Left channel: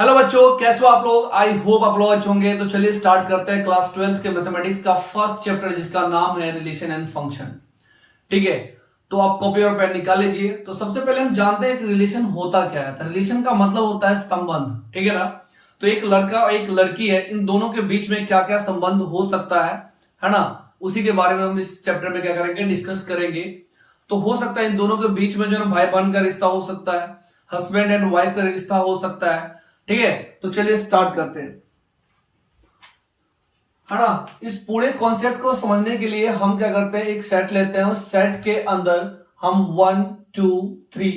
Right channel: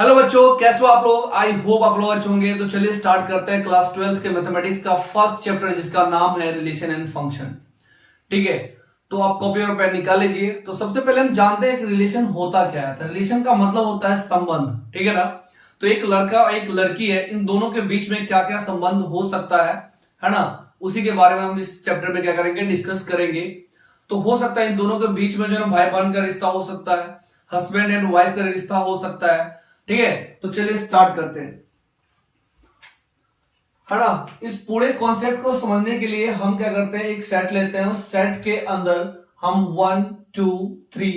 Hello बच्चों, कैसे हो आप लोग। आई होप आप लोग अच्छे होंगे। तो चलिए स्टार्ट करते हैं क्लास 12th के मैथमेटिक्स का फर्स्ट चैप्टर, जिसका नाम है रिलेशन एंड फंक्शन। ठीक है, तो आप कॉपी और पेन निकाल लीजिए। तो सबसे पहले हम जानते हैं कि रिलेशन होता क्या है। तो रिलेशन का मतलब होता है संबंध। ठीक है ना। तो एक लड़का और एक लड़की है, इन दोनों के बीच में क्या क्या संबंध हो सकता है ना। उसी के बारे में हम इस चैप्टर में क्या करेंगे, डिस्कस करेंगे। तो हो सकता है इन दोनों के बीच में जो है भाई बहन का रिश्ता हो सकता है, हस्बैंड एंड वाइफ का रिश्ता हो सकता है। ठीक है, तो चलिए स्टार्ट करते हैं, है ना। इस पूरे कॉन्सेप्ट को समझने के लिए हम क्या करते हैं, एक सेट लेते हैं। उस सेट के अंदर हम 1 2 3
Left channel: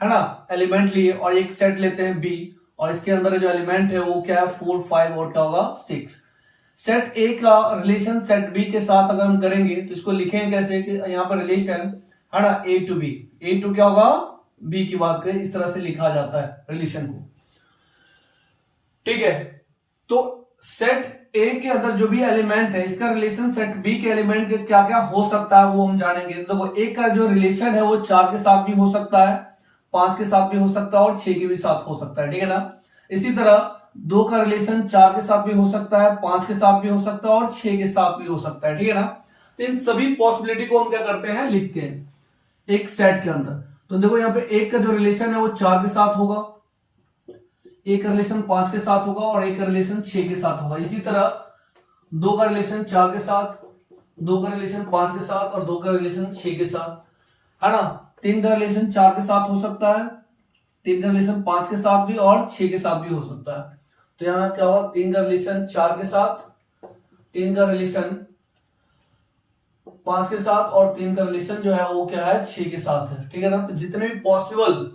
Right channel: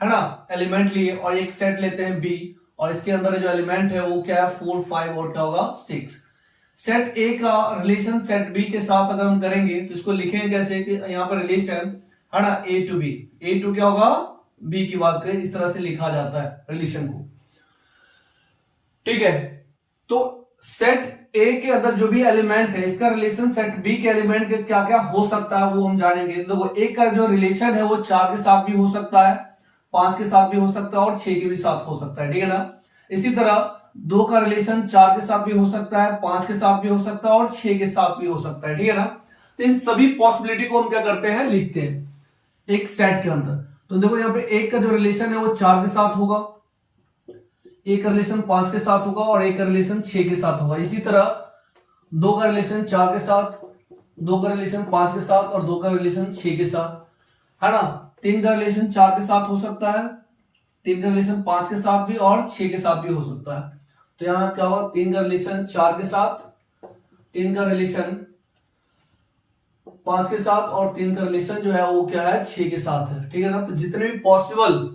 है ना एलिमेंट लिए, और एक सेट लेते हैं बी, और इसके अंदर जो एलिमेंट है वो क्या है 4 5 और क्या होगा 6। सेट ए का रिलेशन सेट बी के साथ अगर हम करेंगे तो इसको लिखेंगे कैसे कि यहाँ पर रिलेशन है ना ए टू बी, ए टू क्या होगा बी की बात करें, इस तरह से लिखा जाता है रिलेशन को। ठीक है, तो सेट ए के अंदर जो भी एलिमेंट है, इसका रिलेशन सेट बी के एलिमेंट के क्या क्या हो सकता है वो हम जानेंगे। देखो एक का जो रिलेशन है वो 4 के साथ भी हो सकता है, 5 के साथ भी हो सकता है और 6 के भी साथ हो सकता है। ठीक है ना। इसी तरह 2 का रिलेशन 4 के साथ भी हो सकता है, 5 के साथ भी हो सकता है और 6 के साथ भी हो सकता है। ठीक है ना। तो इन सभी पॉसिबिलिटी को हम क्या करते हैं, लिखते हैं एक सेट के अंदर। तो देखो यहाँ पे एक का जो रिलेशन है वो 4 के साथ होगा, एक का रिलेशन 5 के साथ होगा और एक का रिलेशन 6 के साथ होगा। इसी तरह 2 का रिलेशन 4 के साथ, 2 का रिलेशन 5 के साथ और 2 का रिलेशन 6 के साथ, है ना। 3 का रिलेशन 4 के साथ हो सकता है, 3 का रिलेशन 5 के साथ भी और 6 के साथ भी हो सकता है। तो यहां क्या होगा, 3 का रिलेशन 4 के साथ, 3 का रिलेशन 5 के साथ और 3 का रिलेशन जो है वो क्या है 6 के साथ है। ठीक है ना। तो जितने भी पॉसिबल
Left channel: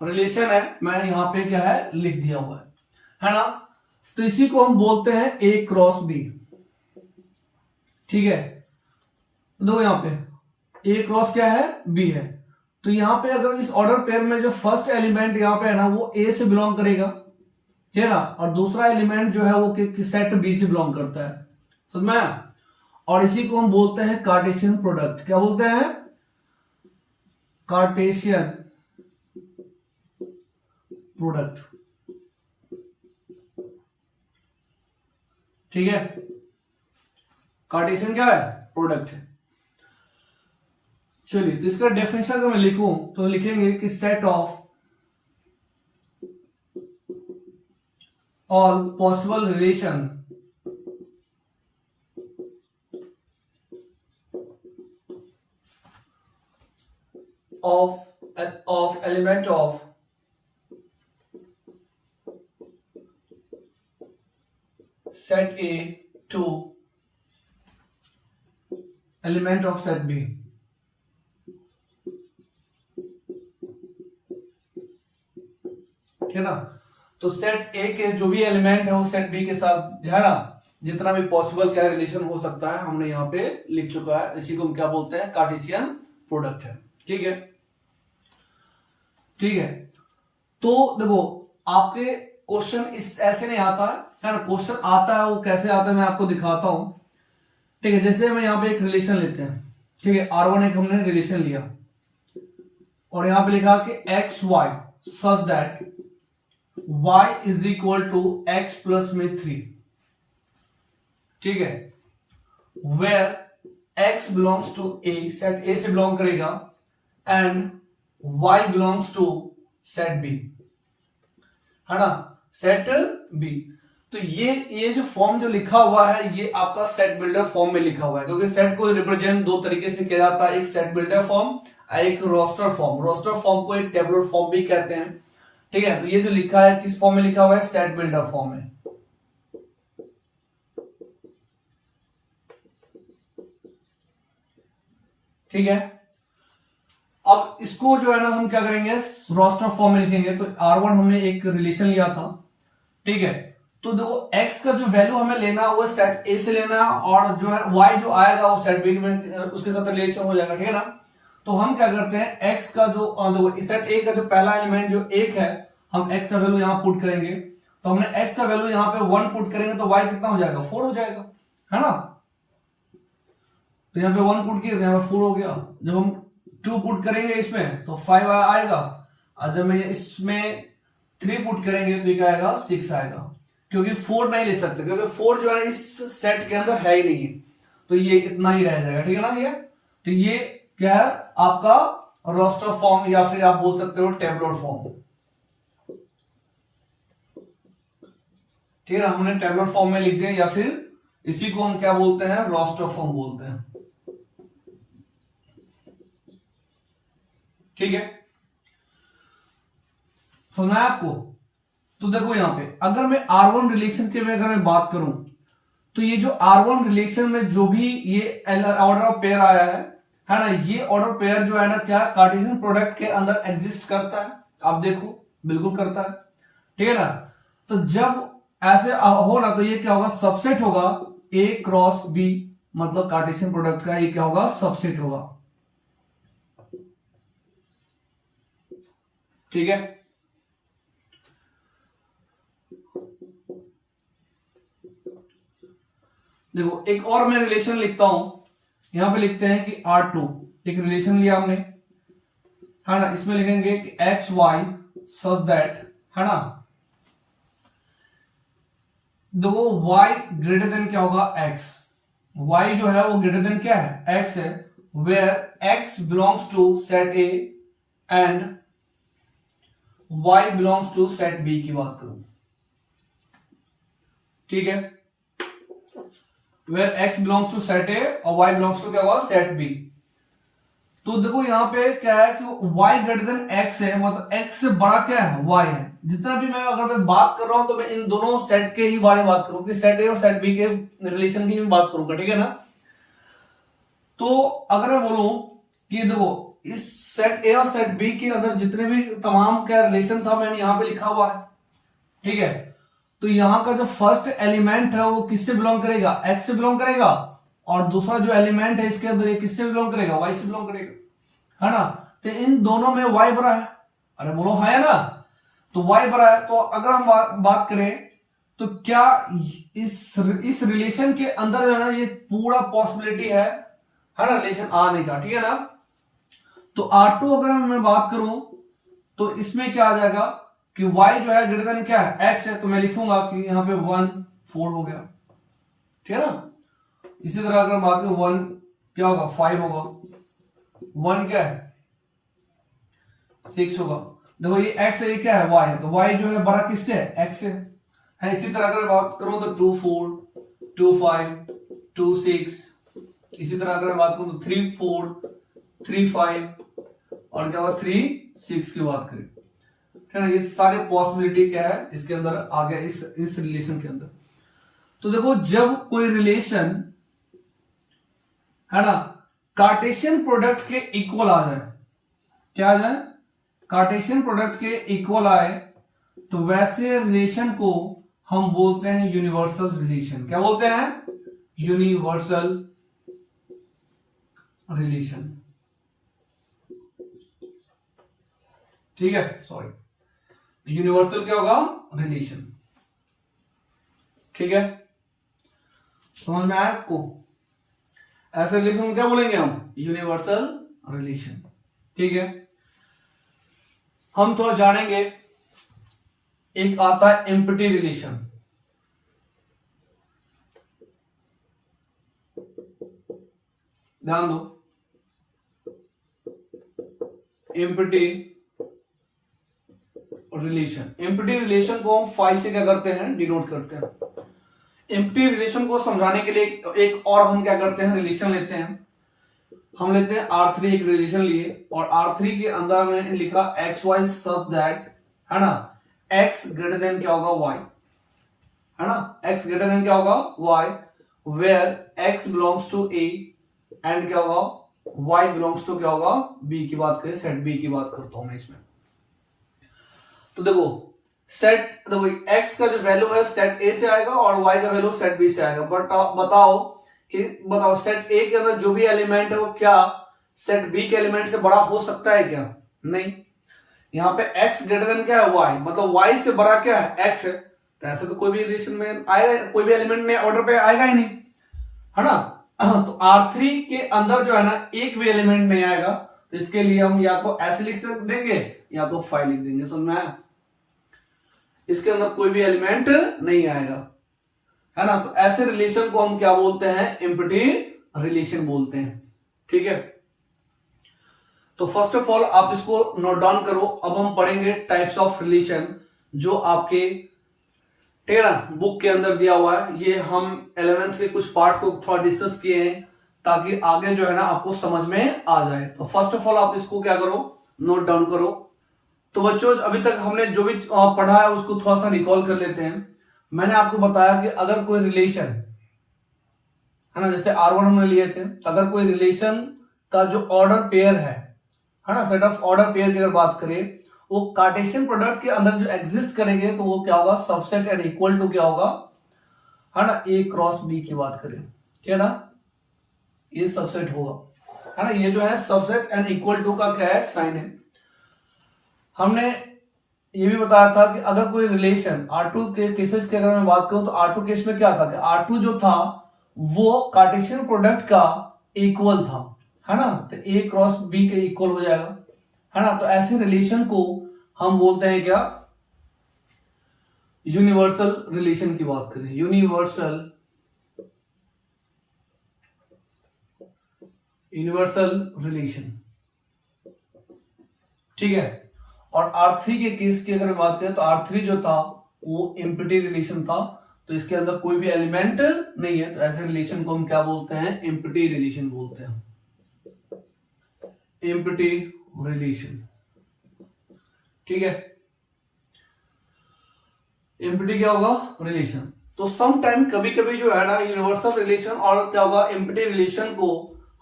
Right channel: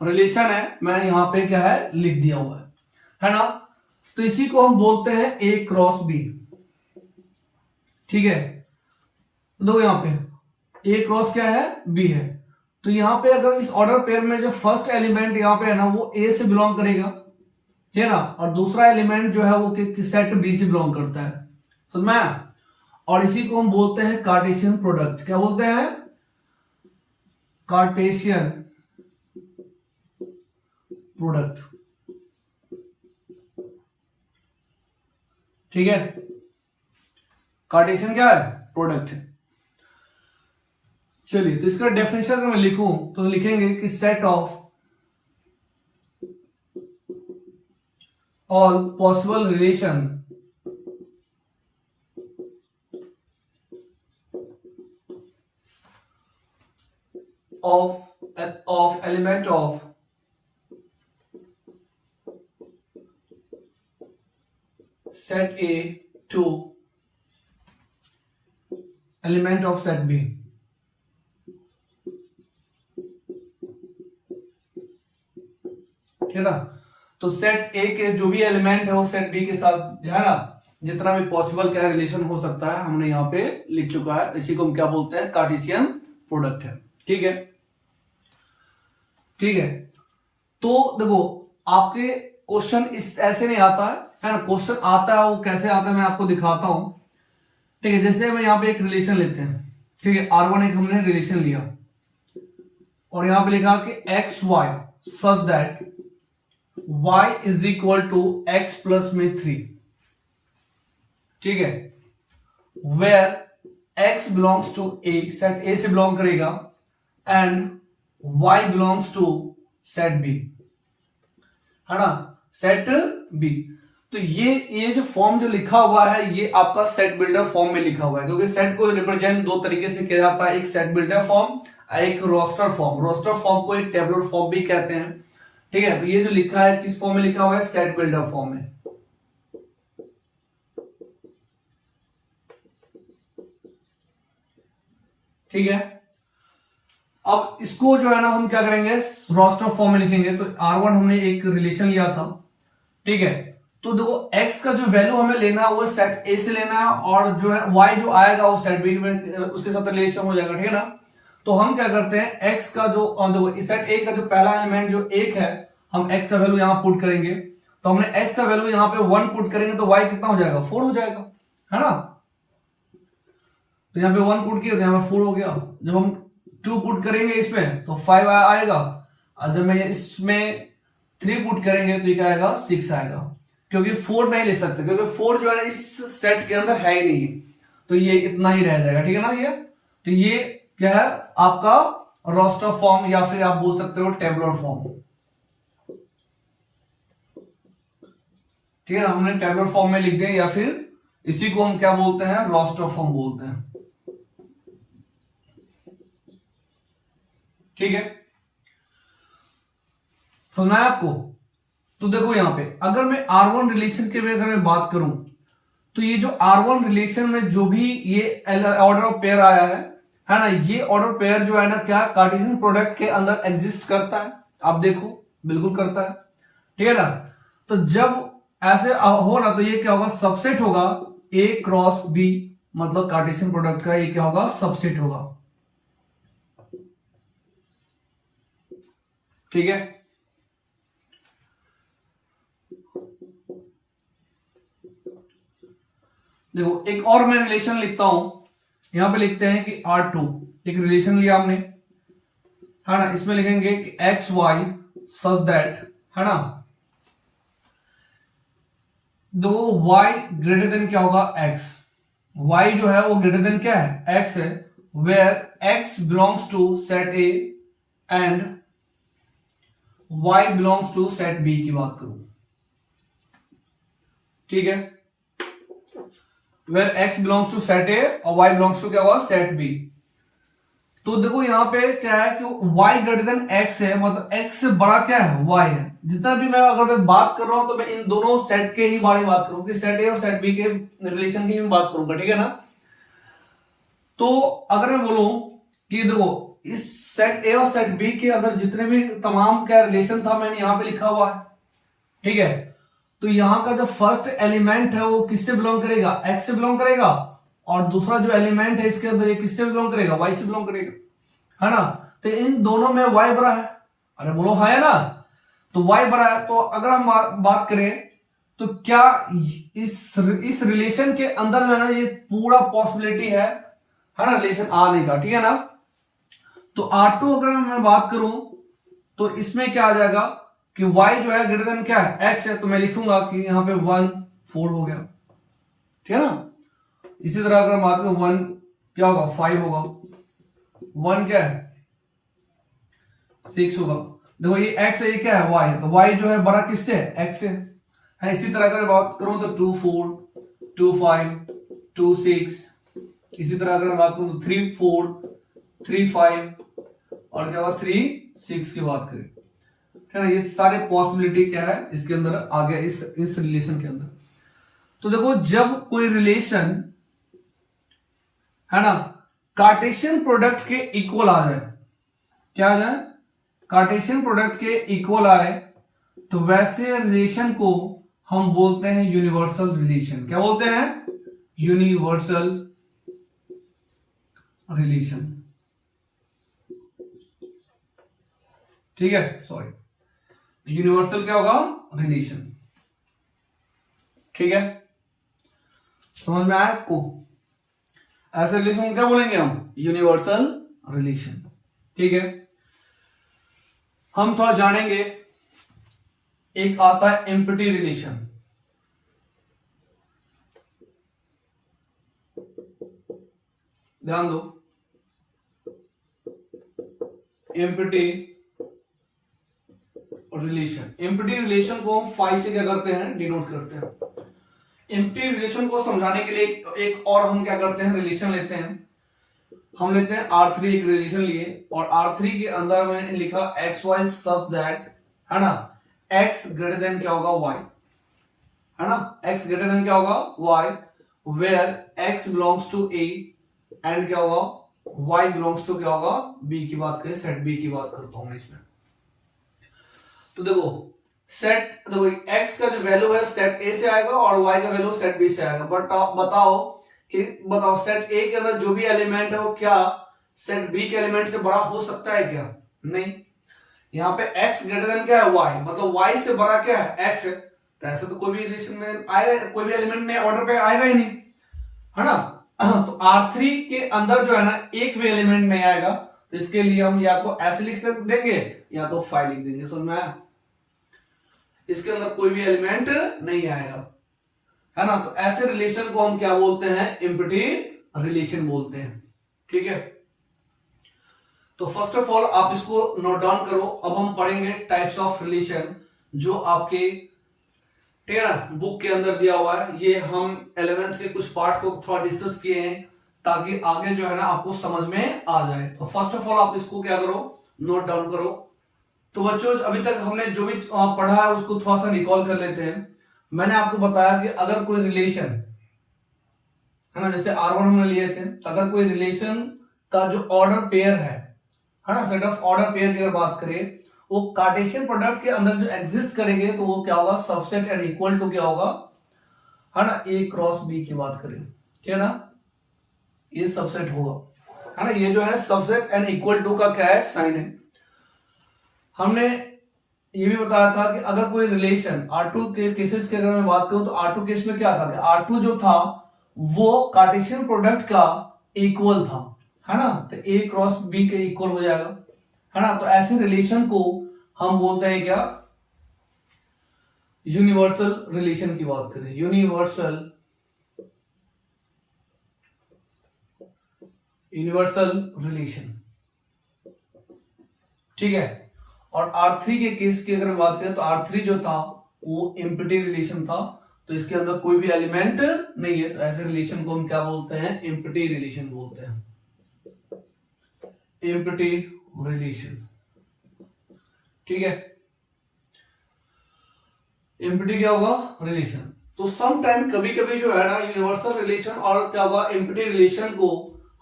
रिलेशन है मैंने यहां पे क्या है लिख दिया हुआ है ना। तो इसी को हम बोलते हैं ए क्रॉस बी। ठीक है, दो यहां पे ए क्रॉस क्या है बी है। तो यहां पे अगर इस ऑर्डर पेयर में जो फर्स्ट एलिमेंट यहां पे है ना वो ए से बिलोंग करेगा, ठीक है ना, और दूसरा एलिमेंट जो है वो सेट बी से बिलोंग करता है, समझ में आया? और इसी को हम बोलते हैं कार्टेशियन प्रोडक्ट। क्या बोलते हैं, कार्टेशियन प्रोडक्ट। ठीक है, कार्टेशियन क्या है, प्रोडक्ट। चलिए, तो इसका डेफिनेशन अगर मैं लिखूं तो लिखेंगे कि set of all possible relation of element of set A to element of set B। ठीक है ना। तो सेट ए के जो भी एलिमेंट है वो सेट बी के साथ है ना, जितना भी पॉसिबल क्या रिलेशन हो सकता है हमने यहाँ पे लिख चुका है। इसी को हम क्या बोलते हैं, कार्टेशियन प्रोडक्ट है। ठीक है, ठीक है। तो देखो आपके क्वेश्चन इस ऐसे नहीं आता है ना, क्वेश्चन आता है वो कैसे आता है मैं आपको दिखाता हूं। ठीक है, जैसे हम यहाँ पे एक रिलेशन लेते हैं। ठीक है, R1 एक हमने रिलेशन लिया और यहां पे लिखा कि x y such that y is equal to x plus में 3। ठीक है, where x belongs to a, set a से बिलोंग करेगा, and y belongs to set b, है ना, सेट b। तो ये जो फॉर्म जो लिखा हुआ है ये आपका सेट बिल्डर फॉर्म में लिखा हुआ है, क्योंकि सेट को रिप्रेजेंट दो तरीके से किया जाता है, एक सेट बिल्डर फॉर्म और एक रोस्टर फॉर्म। रोस्टर फॉर्म को एक टेबुलर फॉर्म भी कहते हैं। ठीक है, तो ये जो लिखा है किस फॉर्म में लिखा हुआ है, सेट बिल्डर फॉर्म में। ठीक है, अब इसको जो है ना हम क्या करेंगे, रोस्टर फॉर्म में लिखेंगे। तो R1 हमने एक रिलेशन लिया था। ठीक है, तो देखो x का जो वैल्यू हमें लेना है वो सेट a से लेना, और जो है y जो आएगा वो सेट b में उसके साथ रिलेशन हो जाएगा। ठीक है ना। तो हम क्या करते हैं, x का जो देखो सेट a का जो पहला एलिमेंट जो 1 है, हम x का वैल्यू यहां पुट करेंगे। तो हमने x का वैल्यू यहां पे 1 पुट करेंगे तो y कितना हो जाएगा, 4 हो जाएगा, है ना। तो यहाँ पे 1 पुट किया तो यहाँ पे 4 हो गया। जब हम 2 पुट करेंगे इसमें तो 5 आएगा, और जब मैं इसमें 3 पुट करेंगे तो ये क्या आएगा 6 आएगा, क्योंकि 4 नहीं ले सकते क्योंकि 4 जो है इस सेट के अंदर है ही नहीं है, तो ये इतना ही रह जाएगा। ठीक है ना ये, तो ये क्या है आपका रोस्टर फॉर्म या फिर आप बोल सकते हो टेबुलर फॉर्म। ठीक है ना, हमने टेबुलर फॉर्म में लिख दिया या फिर इसी को हम क्या बोलते हैं रोस्टर फॉर्म बोलते हैं। ठीक है, समझना है आपको। तो देखो यहां पे अगर मैं R1 रिलेशन के में अगर मैं बात करूं तो ये जो R1 रिलेशन में जो भी ये ऑर्डर ऑफ पेयर आया है ना, ये ऑर्डर पेयर जो है ना क्या कार्टेशियन प्रोडक्ट के अंदर एग्जिस्ट करता है, आप देखो बिल्कुल करता है। ठीक है ना, तो जब ऐसे हो ना तो ये क्या होगा सबसेट होगा A क्रॉस B, मतलब कार्टेशियन प्रोडक्ट का ये क्या होगा सबसेट होगा। ठीक है, देखो एक और मैं रिलेशन लिखता हूं, यहां पे लिखते हैं कि R2 एक रिलेशन लिया हमने, है ना, इसमें लिखेंगे कि एक्स वाई सच दैट, है ना, देखो y ग्रेटर देन क्या होगा x, y जो है वो ग्रेटर देन क्या है x है, where x belongs to set A and y belongs to set B की बात करूं। ठीक है, where x belongs to set A और y बिलोंग्स टू क्या होगा सेट B। तो देखो यहां पे क्या है कि y ग्रेटर देन x है, मतलब x से बड़ा क्या है y है। जितना भी मैं अगर मैं बात कर रहा हूं तो मैं इन दोनों सेट के ही बारे में बात करूं कि सेट A और सेट B के रिलेशन की ही बात करूंगा। ठीक है ना, तो अगर मैं बोलूं कि देखो इस सेट A और सेट B के अंदर जितने भी तमाम क्या रिलेशन था मैंने यहां पे लिखा हुआ है। ठीक है, तो यहां का जो फर्स्ट एलिमेंट है वो किससे बिलोंग करेगा x से बिलोंग करेगा, और दूसरा जो एलिमेंट है इसके अंदर ये किससे बिलोंग करेगा y से बिलोंग करेगा, है ना। तो इन दोनों में y बड़ा है, अरे बोलो हाँ है ना, तो y बड़ा है। तो अगर हम बात करें तो क्या इस रिलेशन के अंदर जो है ना ये पूरा पॉसिबिलिटी है ना रिलेशन आने का। ठीक है ना, तो R2 अगर मैं बात करूं तो इसमें क्या आ जाएगा कि y जो है ग्रेटर देन क्या है x है, तो मैं लिखूंगा कि यहां पे 1 4 हो गया। ठीक है ना, इसी तरह अगर बात करें 1 क्या होगा 5 होगा, 1 क्या है 6 होगा। देखो ये x है ये क्या है y है, तो y जो है बड़ा किससे है x से है। इसी तरह अगर बात करूं तो 2 4 2 5 2 6, इसी तरह अगर बात करूं तो 3 4 3 5 और क्या होगा 3 6 की बात करें। है ना, ये सारे पॉसिबिलिटी क्या है इसके अंदर आ गया इस रिलेशन के अंदर। तो देखो जब कोई रिलेशन है ना कार्टेशियन प्रोडक्ट के इक्वल आ जाए, क्या आ जाए कार्टेशियन प्रोडक्ट के इक्वल आए, तो वैसे रिलेशन को हम बोलते हैं यूनिवर्सल रिलेशन। क्या बोलते हैं यूनिवर्सल रिलेशन। ठीक है, सॉरी यूनिवर्सल क्या होगा रिलेशन। ठीक है, समझ में आया आपको, ऐसे रिलेशन को क्या बोलेंगे हम यूनिवर्सल रिलेशन। ठीक है, हम थोड़ा जानेंगे, एक आता है एम्प्टी रिलेशन। ध्यान दो, एम्प्टी रिलेशन, एम्प्टी रिलेशन को हम फाई से क्या करते हैं डिनोट करते हैं। एम्प्टी रिलेशन को समझाने के लिए एक और हम क्या करते हैं रिलेशन लेते हैं, हम लेते हैं R3 एक रिलेशन लिए और R3 के अंदर हमने लिखा एक्स वाई सच दैट, है ना, x ग्रेटर देन क्या होगा y, है ना, x ग्रेटर देन क्या होगा y, where x belongs to A and क्या होगा y बिलोंग्स टू क्या होगा B की बात करें, सेट B की बात करता हूं मैं इसमें। तो देखो सेट देखो x का जो वैल्यू है सेट A से आएगा और y का वैल्यू सेट B से आएगा। बट बताओ सेट A के अंदर जो भी एलिमेंट है वो क्या सेट B के एलिमेंट से बड़ा हो सकता है क्या, नहीं। यहाँ पे x ग्रेटर देन क्या है y, मतलब y से बड़ा क्या है x है, तो ऐसे तो कोई भी रिलेशन में आएगा, कोई भी एलिमेंट में ऑर्डर पे आएगा ही नहीं, है ना। तो R3 के अंदर जो है ना एक भी एलिमेंट नहीं आएगा, तो इसके लिए हम या तो ऐसे लिख देंगे या तो 5 लिख देंगे, समझ में आया। इसके अंदर कोई भी एलिमेंट नहीं आएगा, है ना। तो ऐसे रिलेशन को हम क्या बोलते हैं, एम्प्टी रिलेशन बोलते हैं, ठीक है। तो फर्स्ट ऑफ ऑल आप इसको नोट डाउन करो। अब हम पढ़ेंगे टाइप्स ऑफ रिलेशन, जो आपके टेरा बुक के अंदर दिया हुआ है। ये हम 11th के कुछ पार्ट को थोड़ा डिस्कस किए हैं, ताकि आगे जो है ना आपको समझ में आ जाए। तो फर्स्ट ऑफ ऑल आप इसको क्या करो, नोट डाउन करो। तो बच्चों अभी तक हमने जो भी पढ़ा है उसको थोड़ा सा रिकॉल कर लेते हैं। मैंने आपको बताया कि अगर कोई रिलेशन है ना, जैसे R1 हमने लिए थे, अगर कोई रिलेशन का जो ऑर्डर पेयर है ना, सेट ऑफ ऑर्डर पेयर की अगर बात करें, वो कार्टेशियन प्रोडक्ट के अंदर जो एग्जिस्ट करेंगे तो वो क्या होगा, सबसेट एंड इक्वल टू क्या होगा, है ना, A क्रॉस B की बात करें, क्या ना, ये सबसेट होगा, है ना। ये जो है सबसेट एंड इक्वल टू का क्या है, साइन है। हमने ये भी बताया था कि अगर कोई रिलेशन R2 के केसेस की अगर मैं बात करूं, तो R2 केस में क्या था कि R2 जो था वो कार्टेशियन प्रोडक्ट का इक्वल था, है ना। तो A क्रॉस B के इक्वल हो जाएगा, है ना। तो ऐसे रिलेशन को हम बोलते हैं क्या, यूनिवर्सल रिलेशन की बात करें, यूनिवर्सल रिलेशन, ठीक है। और R3 के केस की अगर बात करें, तो R3 जो था वो एम्प्टी रिलेशन था, तो इसके अंदर कोई भी एलिमेंट नहीं है। तो ऐसे रिलेशन को हम क्या बोलते हैं, एम्प्टी रिलेशन बोलते हैं, एम्प्टी रिलेशन, ठीक है। एम्प्टी क्या होगा, रिलेशन। तो सम टाइम कभी कभी जो है ना यूनिवर्सल रिलेशन और क्या होगा, एम्प्टी रिलेशन को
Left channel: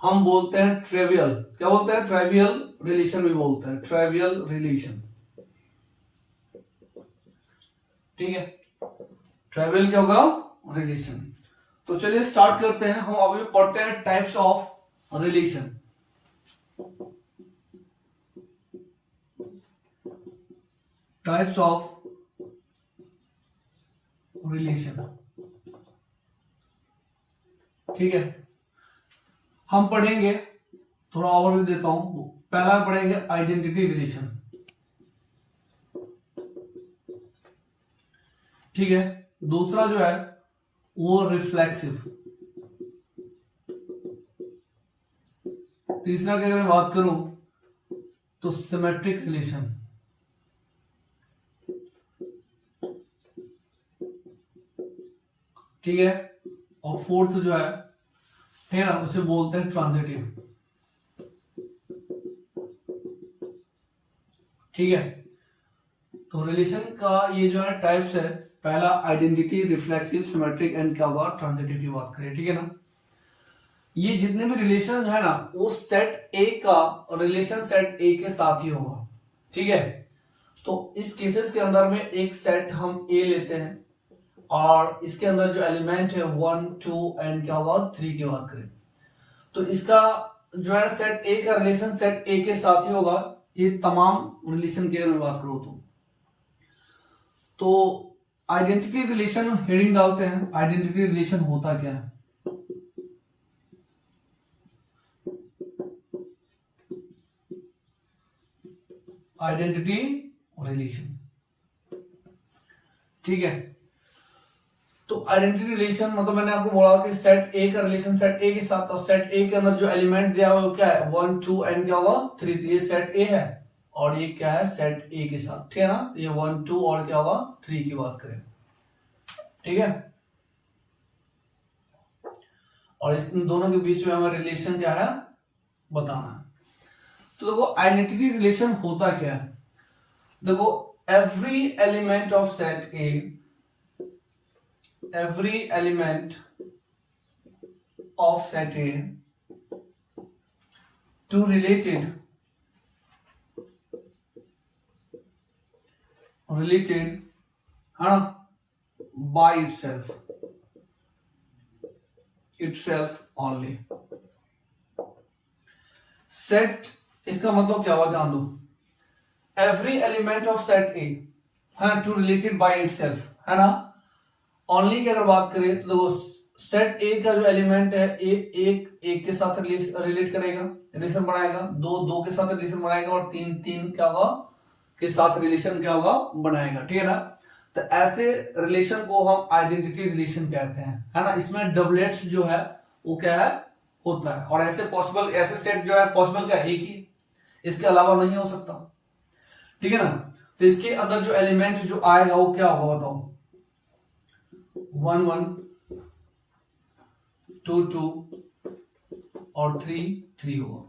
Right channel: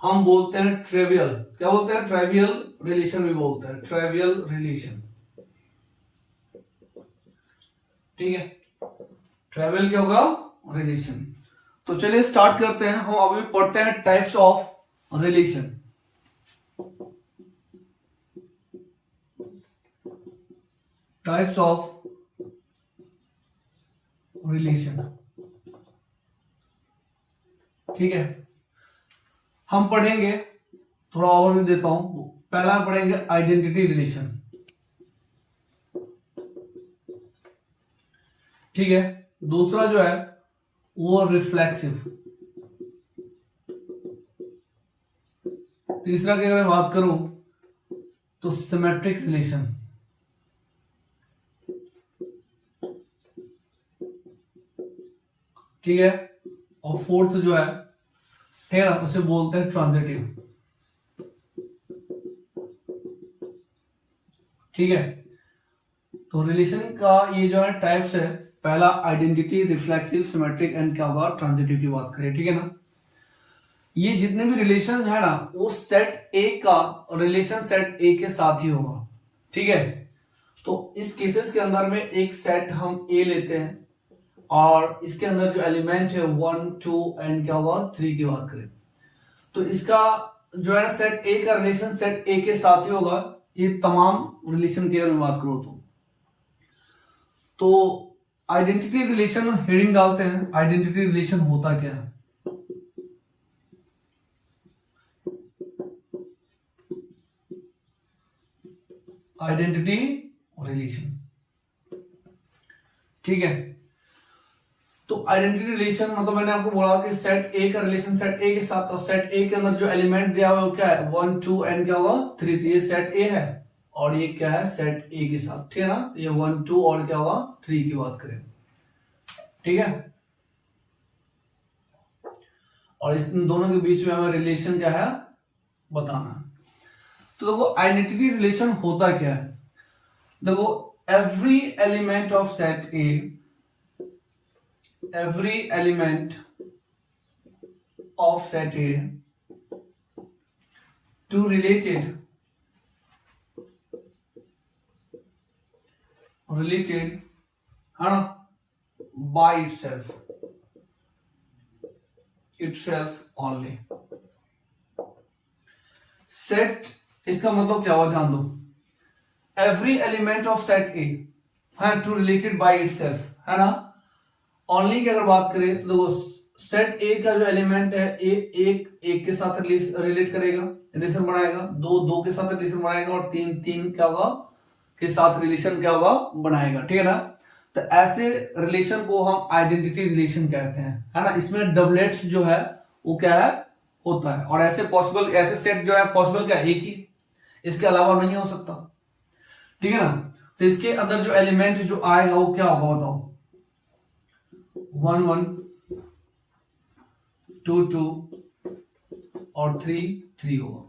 हम बोलते हैं ट्रिवियल, क्या बोलते हैं, ट्रिवियल रिलेशन भी बोलते हैं, ट्रिवियल रिलेशन, ठीक है। ट्रिवियल क्या होगा, रिलेशन। तो चलिए स्टार्ट करते हैं। हम अभी पढ़ते हैं types of relation. Types of relation, ठीक है। हम पढ़ेंगे, थोड़ा और देता हूं। पहला पढ़ेंगे आइडेंटिटी रिलेशन, ठीक है। दूसरा जो है वो रिफ्लेक्सिव। तीसरा की अगर मैं बात करूं तो सिमेट्रिक रिलेशन, ठीक है। और फोर्थ जो है, ठीक है ना, उसे बोलते हैं ट्रांजिटिव, ठीक है। तो रिलेशन का ये जो है टाइप्स है, पहला आइडेंटिटी, रिफ्लेक्सिव, सिमेट्रिक एंड क्या होगा, ट्रांजिटिव की बात करें, ठीक है ना। ये जितने भी रिलेशन है ना, वो सेट ए का रिलेशन सेट ए के साथ ही होगा, ठीक है। तो इस केसेस के अंदर में एक सेट हम ए लेते हैं, और इसके अंदर जो एलिमेंट है 1 2 एंड क्या होगा, 3 की बात करें, तो इसका जो है सेट ए का रिलेशन सेट ए के साथ ही होगा। ये तमाम रिलेशन की अगर मैं बात करूं तो आइडेंटिटी रिलेशन हेडिंग डालते हैं। आइडेंटिटी रिलेशन होता क्या है, आइडेंटिटी रिलेशन, ठीक है। तो आइडेंटिटी रिलेशन मतलब मैंने आपको बोला कि सेट ए का रिलेशन सेट ए के साथ, और सेट ए के अंदर जो एलिमेंट दिया हुआ है वो क्या है, 1 2 एंड क्या होगा, 3। ये सेट ए है और ये क्या है, सेट ए के साथ, ठीक है ना। ये 1 2 और क्या होगा, 3 की बात करें, ठीक है। और इस दोनों के बीच में हमें रिलेशन क्या है बताना है। तो देखो आइडेंटिटी रिलेशन होता क्या है, देखो every element of set A, every element of set A to related by itself only। Set इसका मतलब क्या हुआ, ध्यान दो। एवरी एलिमेंट ऑफ सेट ए है टू रिलेटेड बाय इटसेल्फ, है ना। ओनली की अगर बात करें तो सेट ए का जो एलिमेंट है एक के साथ रिलेट करेगा, रिलेशन बनाएगा, 2 के साथ रिलेशन बनाएगा, और 3 क्या होगा के साथ रिलेशन क्या होगा बनाएगा, ठीक है ना। तो ऐसे रिलेशन को हम आइडेंटिटी रिलेशन कहते हैं, है ना। इसमें डबलेट्स जो है वो क्या है, होता है। और ऐसे पॉसिबल, ऐसे सेट जो है पॉसिबल क्या है, एक ही, इसके अलावा नहीं हो सकता, ठीक है ना। तो इसके अंदर जो एलिमेंट जो आएगा वो क्या होगा बताओ, 1 1 2 2 और 3 3 होगा,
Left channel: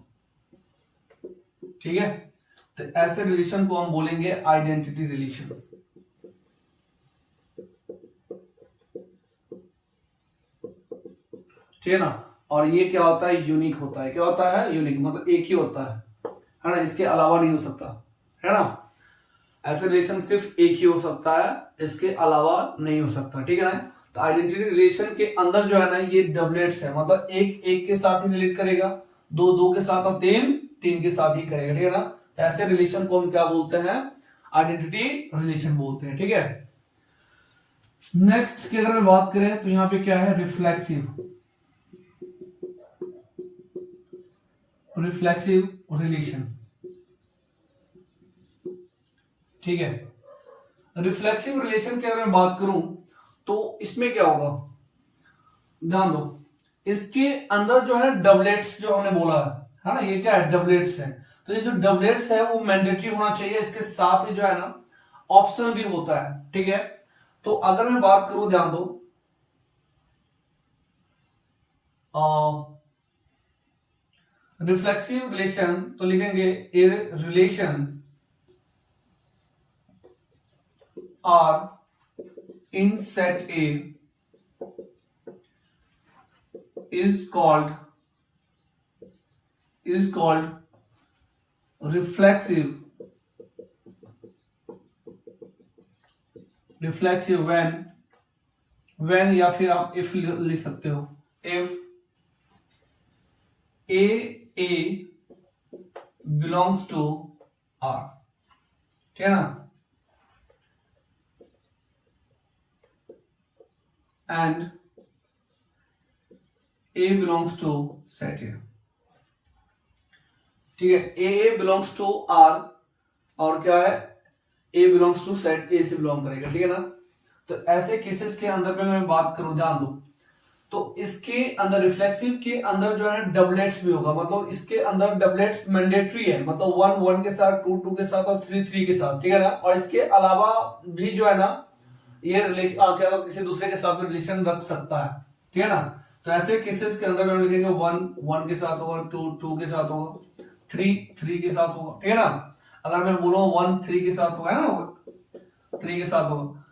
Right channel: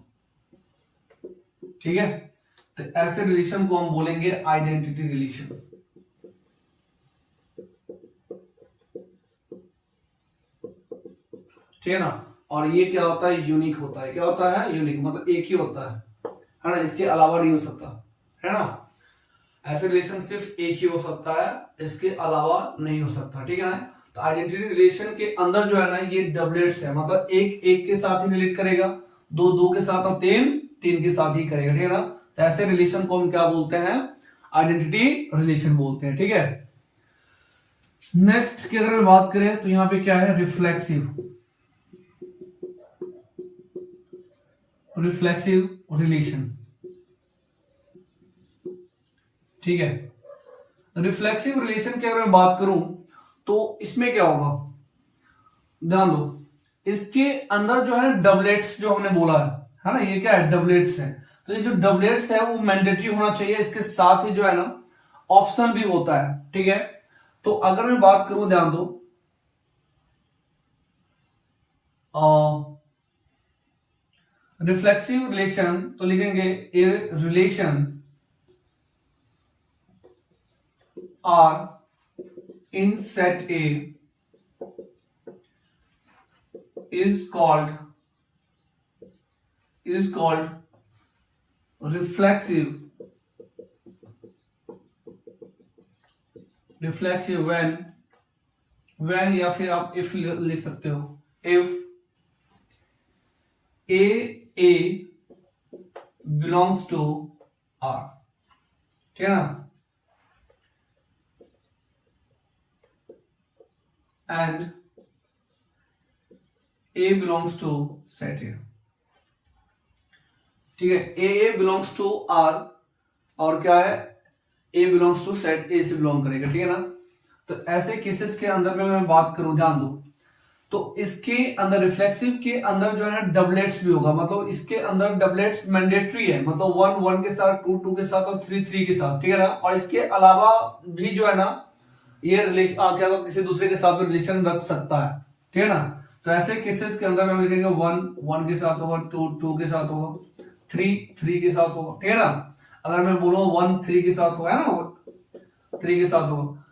ठीक है। तो ऐसे रिलेशन को हम बोलेंगे आइडेंटिटी रिलेशन, ठीक है ना। और ये क्या होता है, यूनिक होता है। क्या होता है, यूनिक, मतलब एक ही होता है ना, इसके अलावा नहीं हो सकता, है ना। ऐसे रिलेशन सिर्फ एक ही हो सकता है, इसके अलावा नहीं हो सकता, ठीक है ना। तो आइडेंटिटी रिलेशन के अंदर जो है ना ये डबलेट्स है, मतलब एक एक के साथ ही रिलेट करेगा, दो दो के साथ और तीन तीन के साथ ही करेगा, ठीक है ना। तो ऐसे रिलेशन को हम क्या बोलते हैं, आइडेंटिटी रिलेशन बोलते हैं, ठीक है। नेक्स्ट की अगर हम बात करें तो यहाँ पे क्या है, रिफ्लेक्सिव रिलेशन, ठीक है। रिफ्लेक्सिव रिलेशन की अगर मैं बात करूं तो इसमें क्या होगा, ध्यान दो, इसके अंदर जो है डबलेट्स जो हमने बोला है ना, ये क्या है, डबलेट्स है। तो ये जो डबलेट्स है वो मैंडेटरी होना चाहिए, इसके साथ ही जो है ना ऑप्शन भी होता है, ठीक है। तो अगर मैं बात करूं, ध्यान दो, रिफ्लेक्सिव रिलेशन तो लिखेंगे A relation R in set A is called reflexive when या फिर आप if लिख सकते हो, if a belongs to R, ठीक है ना, and A belongs to set A, ठीक है। A belongs to R और क्या है, A belongs to set A से बिलोंग करेगा, ठीक है ना। तो ऐसे केसेस के अंदर में मैं बात करूं, ध्यान दो, तो इसके अंदर रिफ्लेक्सिव के अंदर जो है डबलेट्स भी होगा, मतलब इसके अंदर डबलेट्स मैंडेटरी है, मतलब 1 1 के साथ, 2 2 के साथ और 3 3 के साथ, ठीक है ना। और इसके अलावा भी जो है ना ये रिलेशन क्या किसी दूसरे के साथ भी रिलेशन रख सकता है, ठीक है ना। तो ऐसे केसेस के अंदर में हम लिखेंगे 1 1 के साथ होगा, 2 2 के साथ होगा, 3 3 के साथ होगा, ठीक है ना। अगर मैं बोलूं 1 3 के साथ होगा ना, 3 के साथ होगा।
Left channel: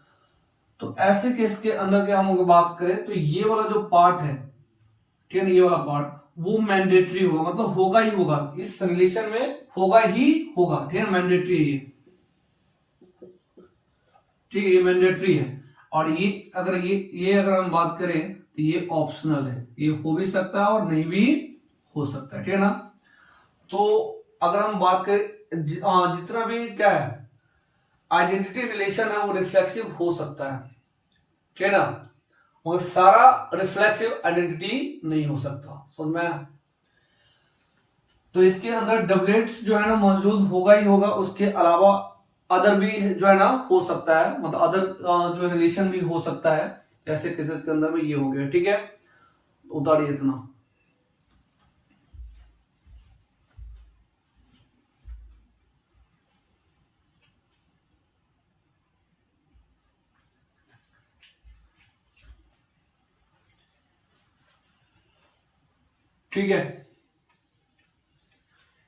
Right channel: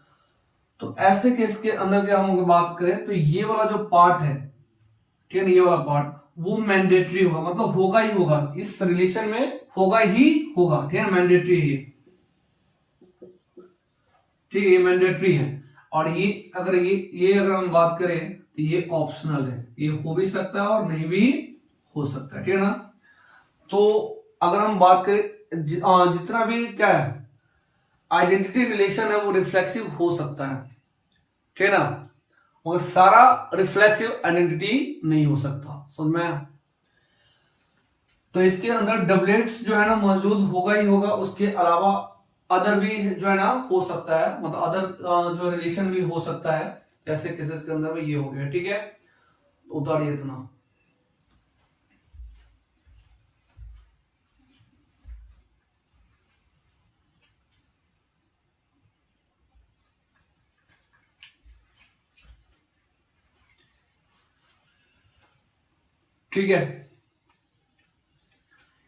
तो ऐसे केस के अंदर के हम बात करें तो ये वाला जो पार्ट है, ठीक है, ये वाला पार्ट वो मैंडेटरी होगा, मतलब होगा ही होगा, इस रिलेशन में होगा ही होगा, ठीक है, मैंडेटरी है ये, ठीक है, ये मैंडेटरी है। और ये अगर हम बात करें तो ये ऑप्शनल है, ये हो भी सकता है और नहीं भी हो सकता है, ठीक है ना। तो अगर हम बात करें जितना भी क्या है आइडेंटिटी रिलेशन है वो रिफ्लेक्सिव हो सकता है, ठीक है ना, और सारा रिफ्लेक्सिव आइडेंटिटी नहीं हो सकता, समझ में आया। तो इसके अंदर डबलेट्स जो है ना मौजूद होगा ही होगा, उसके अलावा अदर भी जो है ना हो सकता है, मतलब अदर जो रिलेशन भी हो सकता है। ऐसे केसेस के अंदर में ये हो गया, ठीक है, उतारिए इतना। ठीक है,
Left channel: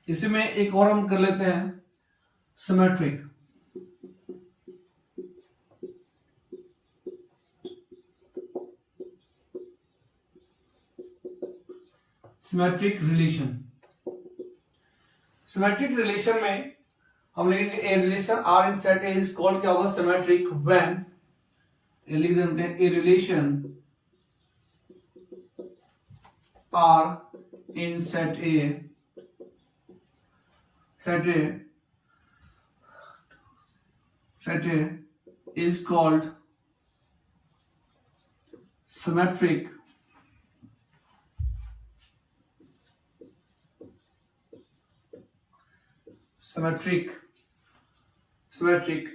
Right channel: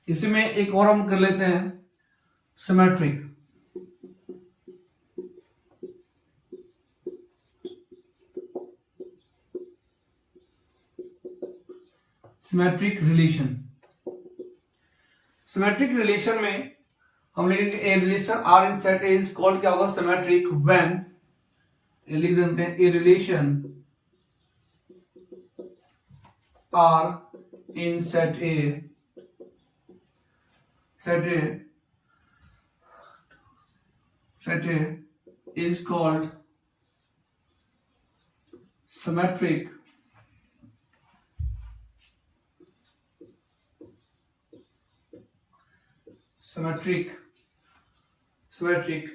इसी में एक और हम कर लेते हैं, सिमेट्रिक रिलेशन। सिमेट्रिक रिलेशन में हम लिखेंगे A relation R in set A is called, क्या होगा, सिमेट्रिक व्हेन, लिख देते हैं, A relation R in set A is called symmetric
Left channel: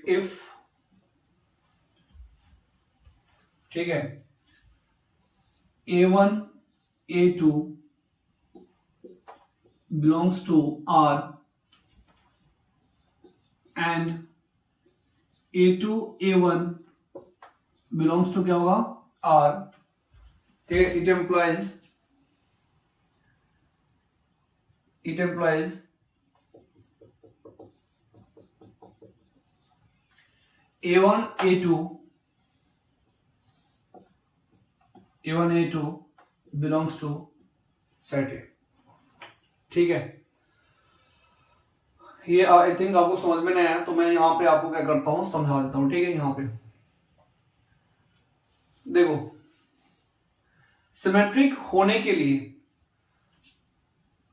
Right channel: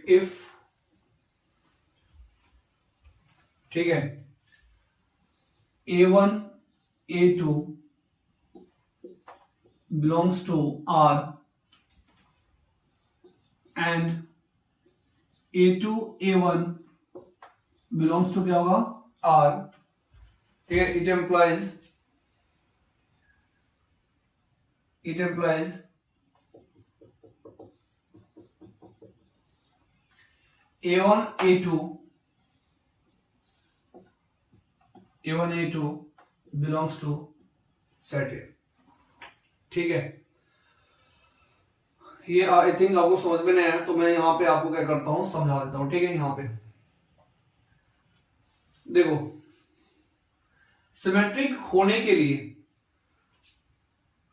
if ठीक है, A1 A2 belongs to R and A2 A1 belongs to क्या होगा R, it implies A1 A2 belongs to set A। ठीक है, ये आई थिंक आपको समझ में नहीं आया, तो मैं यहां पे आपको क्या करता हूं, समझा देता हूं। ठीक है, यहां पे देखो, सिमेट्रिक होने के लिए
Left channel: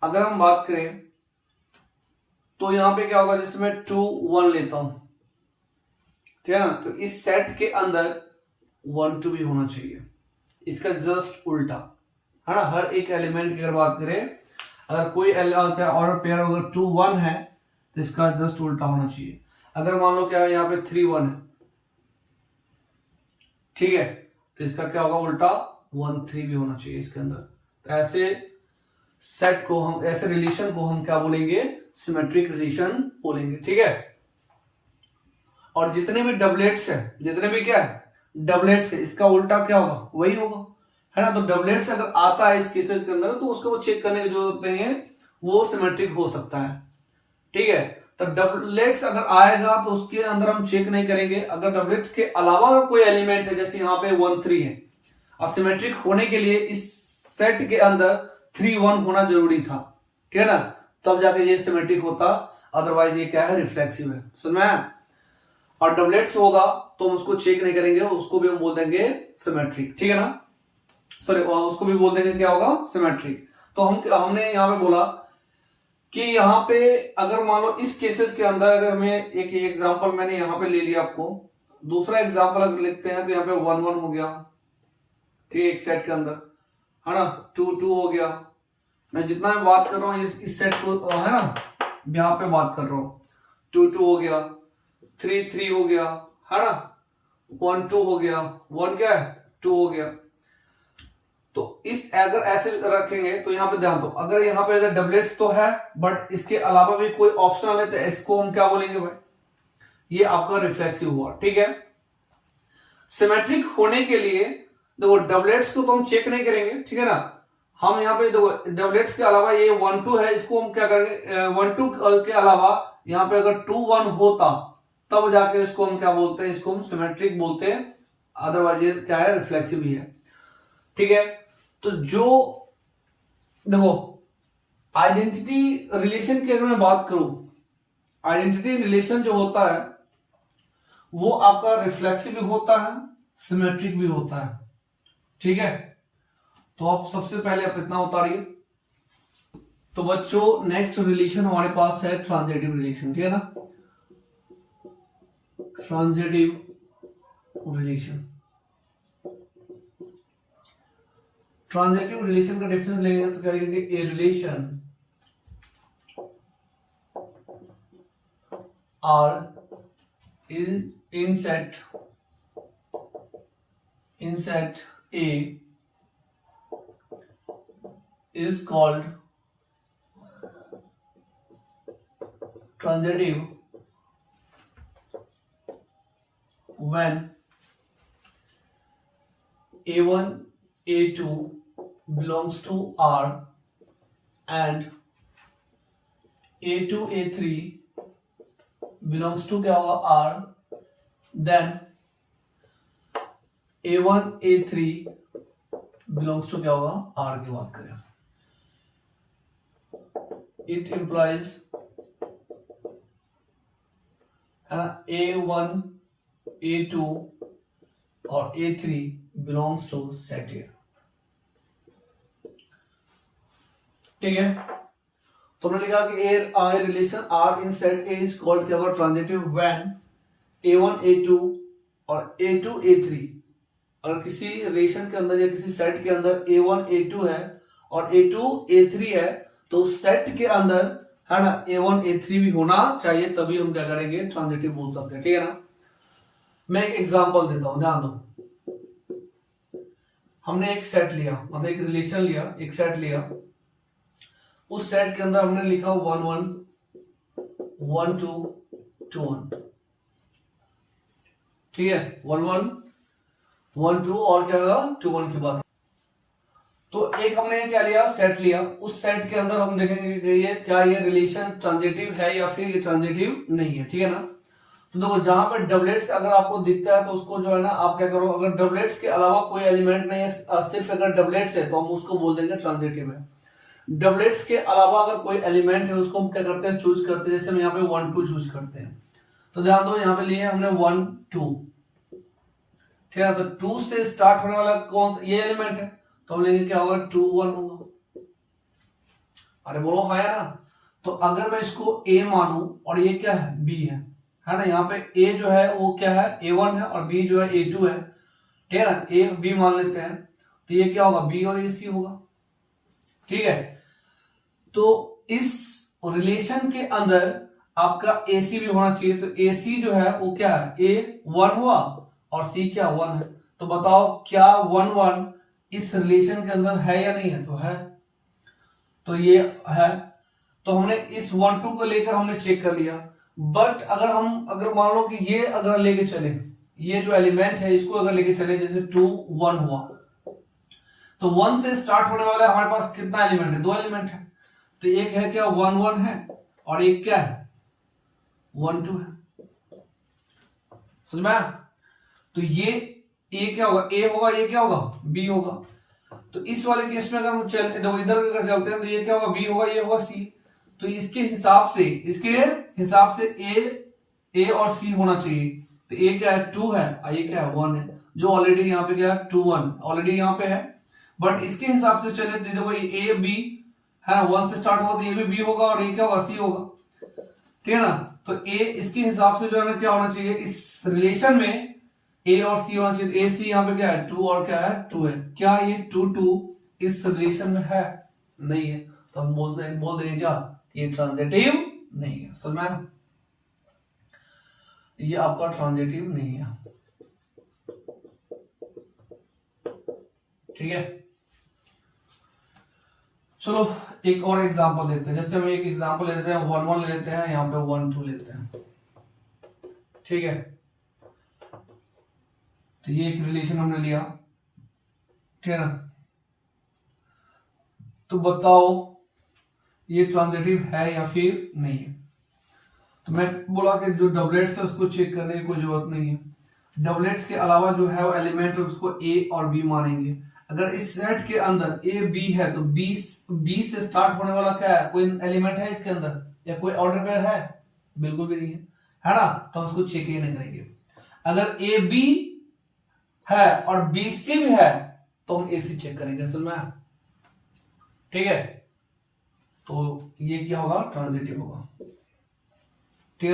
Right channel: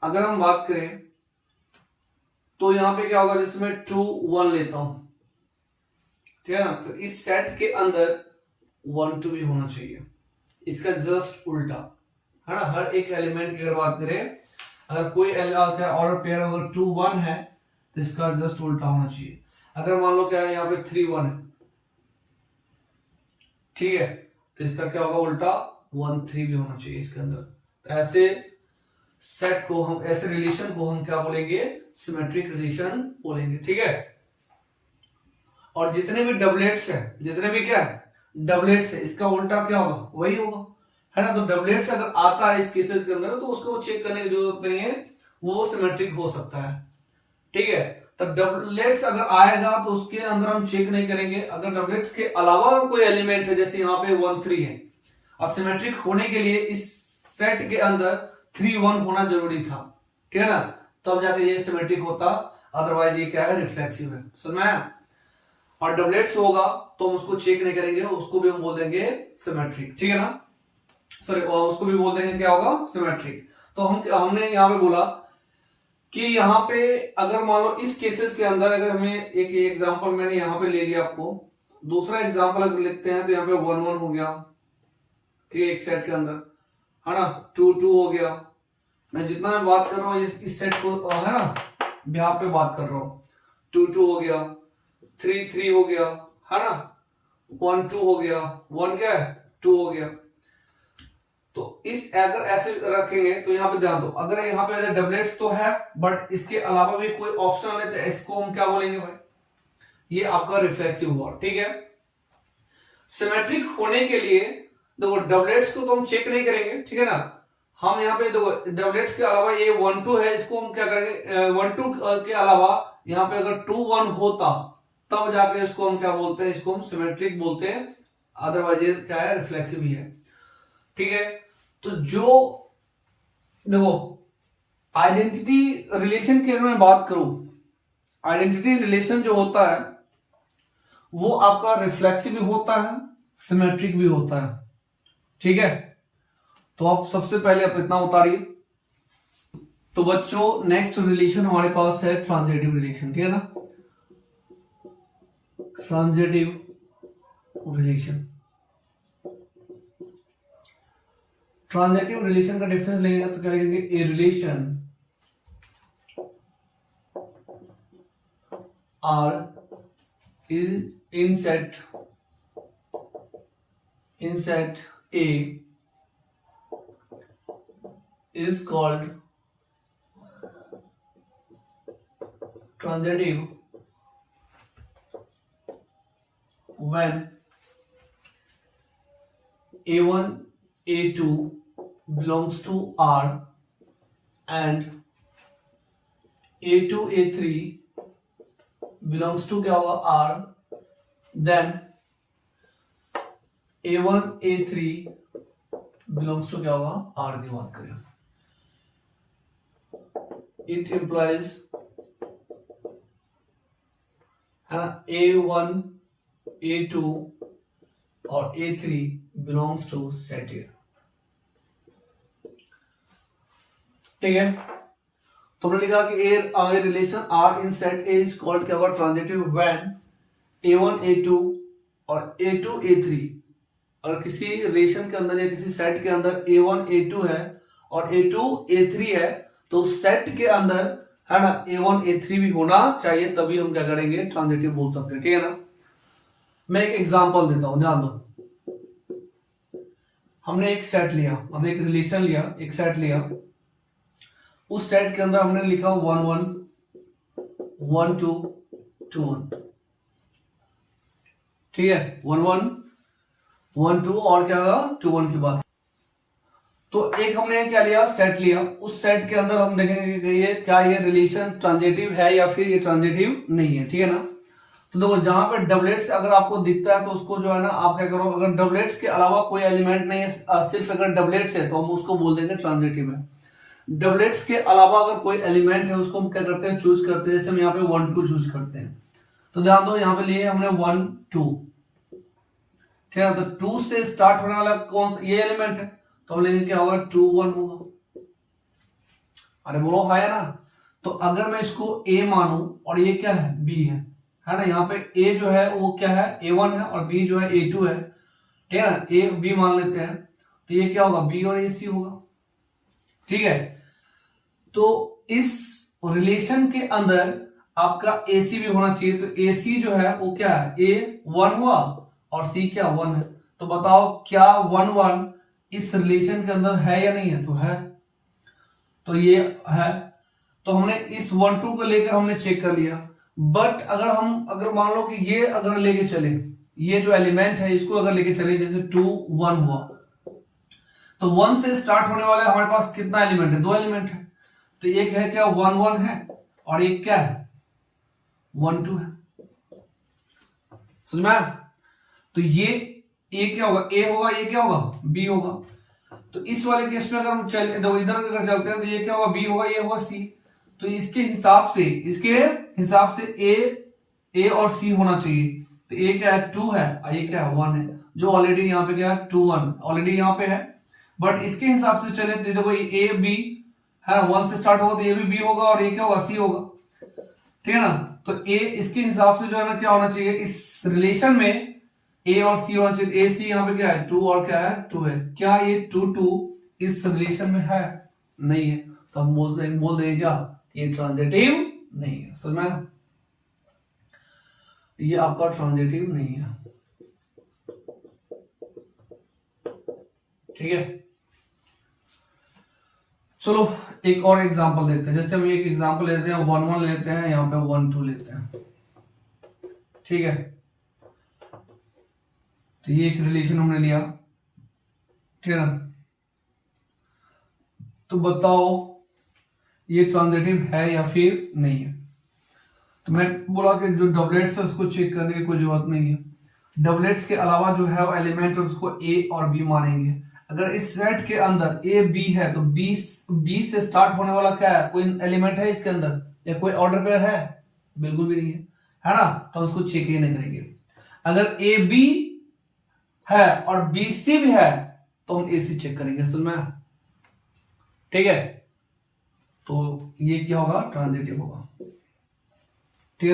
अगर हम बात करें तो यहां पे क्या होगा, जैसे मैं 2 1 लेता हूं, ठीक है ना, तो इस सेट के अंदर 1 2 भी होना चाहिए, इसका जस्ट उल्टा, है ना। हर एक एलिमेंट की अगर बात करें, अगर कोई ऑर्डर पेयर अगर 2 1 है तो इसका जस्ट उल्टा होना चाहिए। अगर मान लो क्या है, यहाँ पे 3 1 है, ठीक है, तो इसका क्या होगा, उल्टा 1 3 भी होना चाहिए इसके अंदर। तो ऐसे सेट को हम, ऐसे रिलेशन को हम क्या बोलेंगे, सिमेट्रिक रिलेशन बोलेंगे। ठीक है, और जितने भी डबलेट्स है, जितने भी क्या है डबलेट्स है, इसका उल्टा क्या होगा, वही होगा, है ना। तो डबलेट्स अगर आता है इस केसेस के अंदर तो उसको चेक करने की जरूरत नहीं है, वो सिमेट्रिक हो सकता है। ठीक है, तो डबलेट्स अगर आएगा तो उसके अंदर हम चेक नहीं करेंगे। अगर डबलेट्स के अलावा अगर कोई एलिमेंट है, जैसे यहाँ पे 1 3 है, और सिमेट्रिक होने के लिए इस सेट के अंदर 3 1 होना जरूरी था, ठीक है ना, तब जाके ये सिमेट्रिक होता, अदरवाइज ये क्या है, रिफ्लेक्सिव है। समझ में? और डबलेट्स होगा तो हम उसको चेक नहीं करेंगे, उसको भी हम बोल देंगे सिमेट्रिक। ठीक है ना, सॉरी, उसको भी बोल देंगे क्या होगा, सिमेट्रिक। तो हमने यहाँ पे बोला कि यहाँ पे अगर मान लो इस केसेस के अंदर, अगर हमें एक एग्जांपल मैंने यहाँ पे ले लिया आपको, दूसरा एग्जांपल अगर लिखते हैं तो यहाँ पे 1 1 हो गया, ठीक है, एक सेट के अंदर, है ना, 2 2 हो गया। मैं जितना मैं बात कर रहा हूँ इस सेट को, है ना, यहाँ पे बात कर रहा हूँ, 2 2 हो गया, 3 3 हो गया, है ना, 1 2 हो गया, 1 क्या है, 2 हो गया। तो इस अगर ऐसे रखेंगे तो यहाँ पे ध्यान दो, अगर यहाँ पे डबलेट्स तो है बट इसके अलावा भी कोई ऑप्शनल है तो इसको हम क्या बोलेंगे भाई, ये आपका रिफ्लेक्सिव हुआ। ठीक है, सिमेट्रिक होने के लिए देखो डबलेट्स को तो हम चेक नहीं करेंगे, ठीक है ना। हम यहाँ पे देखो डबलेट्स के अलावा ये 1 2 है, इसको हम क्या करेंगे, 1 2 के अलावा यहाँ पे अगर 2 1 होता तब जाके इसको हम क्या बोलते हैं, इसको हम सिमेट्रिक बोलते हैं, अदरवाइज ये क्या है, रिफ्लेक्सिव ही है। ठीक है, तो जो देखो आइडेंटिटी रिलेशन की अगर मैं बात करूं, आइडेंटिटी रिलेशन जो होता है वो आपका रिफ्लेक्सिव भी होता है, सिमेट्रिक भी होता है। ठीक है, तो आप सबसे पहले आप इतना उतारिए। तो बच्चों नेक्स्ट रिलेशन हमारे पास है ट्रांजिटिव रिलेशन, ठीक है ना, ट्रांजिटिव रिलेशन। ट्रांजिटिव रिलेशन का डिफरेंस लेंगे तो क्या लिखेंगे, A relation R in set A is called transitive when A1 A2 belongs to R and A2 A3 belongs to क्या होगा R, then A1 A3 belongs to क्या होगा R की बात करें। It implies है ना A1 A2 और A3 belongs to set A। ठीक है, तुमने लिखा कि a relation R in set A is called क्या होगा, ट्रांजिटिव when A1 A2 और A2 A3, और किसी रिलेशन के अंदर या किसी सेट के अंदर A1 A2 है और A2 A3 है, तो सेट के अंदर है ना A1 A3 भी होना चाहिए, तभी हम क्या करेंगे, ट्रांजिटिव बोल सकते हैं। ठीक है ना, मैं एक एग्जांपल देता हूं, ध्यान दो। हमने एक सेट लिया, मतलब एक रिलेशन लिया, एक सेट लिया, उस सेट के अंदर हमने लिखा 1 1 1 2 2 1, ठीक है, 1 1 1 2 और क्या होगा 2 1 के बाद। तो एक हमने क्या लिया, सेट लिया, उस सेट के अंदर हम देखेंगे कि ये क्या, ये रिलेशन ट्रांजिटिव है या फिर ये ट्रांजिटिव नहीं है, ठीक है ना। तो देखो जहां पे डबलेट्स अगर आपको दिखता है तो उसको जो है ना आप क्या करो, अगर डबलेट्स के अलावा कोई एलिमेंट नहीं है, सिर्फ अगर डबलेट्स है तो हम उसको बोल देंगे ट्रांजिटिव है। डबलेट्स के अलावा अगर कोई एलिमेंट है उसको हम क्या करते हैं, चूज करते हैं। जैसे हम यहाँ पे 1 2 चूज करते हैं, तो ध्यान दो यहाँ पे लिए हमने 1 2, ठीक है। तो 2 से स्टार्ट होने वाला कौन सा, ये एलिमेंट है, तो हम लेंगे क्या होगा 2 1 होगा। अरे बोलो हाँ या ना। तो अगर मैं इसको a मानूं और ये क्या है b है ना, यहाँ पे a जो है वो क्या है a1 है और b जो है a2 है, ठीक है ना, a b मान लेते हैं, तो ये क्या होगा b और ये c होगा, ठीक है। तो इस रिलेशन के अंदर आपका AC भी होना चाहिए, तो AC जो है वो क्या है A1 हुआ और C क्या 1 है। तो बताओ क्या 1 1 इस रिलेशन के अंदर है या नहीं है, तो है, तो ये है। तो हमने इस 1 2 को लेकर हमने चेक कर लिया। बट अगर मान लो कि ये अगर लेके चले, ये जो एलिमेंट है इसको अगर लेके चले, जैसे 2 1 हुआ, तो 1 से स्टार्ट होने वाला हमारे पास कितना एलिमेंट है, 2 एलिमेंट है। तो एक है क्या 1 1 है और एक क्या है 1 2 है, समझ में आया। तो ये A क्या होगा, A होगा, ये क्या होगा B होगा। तो इस वाले केस में अगर हम चल इधर अगर चलते हैं तो ये क्या होगा B होगा, ये होगा C। तो इसके हिसाब से A और C होना चाहिए। तो A क्या है 2 है और ये क्या है 1 है, जो ऑलरेडी यहाँ पे क्या है 2 1 ऑलरेडी यहाँ पे है। बट इसके हिसाब से चले तो देखो ये A B है ना, 1 से स्टार्ट होगा तो ये भी B होगा और ये क्या होगा C होगा, ठीक है ना। तो A इसके हिसाब से जो है ना क्या होना चाहिए, इस रिलेशन में A और C होना चाहिए। AC यहाँ पे क्या है 2 और क्या है 2 है। क्या ये 2 2 इस रिलेशन में है, नहीं है, तो हम बोल देंगे क्या, ये ट्रांजिटिव नहीं है। समझ में, ये आपका ट्रांजिटिव नहीं है, ठीक है। चलो एक और एग्जांपल देते हैं। जैसे हम एक एग्जांपल लेते हैं 1 1 लेते हैं, यहाँ पे 1 2 लेते हैं, ठीक है। तो ये एक रिलेशन हमने लिया, ठीक है ना। तो बताओ ये ट्रांजिटिव है या फिर नहीं है। तो मैं बोला कि जो डबलेट्स है उसको चेक करने की कोई जरूरत नहीं है। डबलेट्स के अलावा जो है वो एलिमेंट है उसको A और B मानेंगे। अगर इस सेट के अंदर A B है तो B से स्टार्ट होने वाला क्या है, कोई एलिमेंट है इसके अंदर या कोई ऑर्डर पेयर है, बिल्कुल भी नहीं है ना। तो हम उसको चेक ही नहीं करेंगे। अगर A B है और B C भी है तो हम AC चेक करेंगे, समझ में, ठीक है। तो ये क्या होगा ट्रांजिटिव होगा।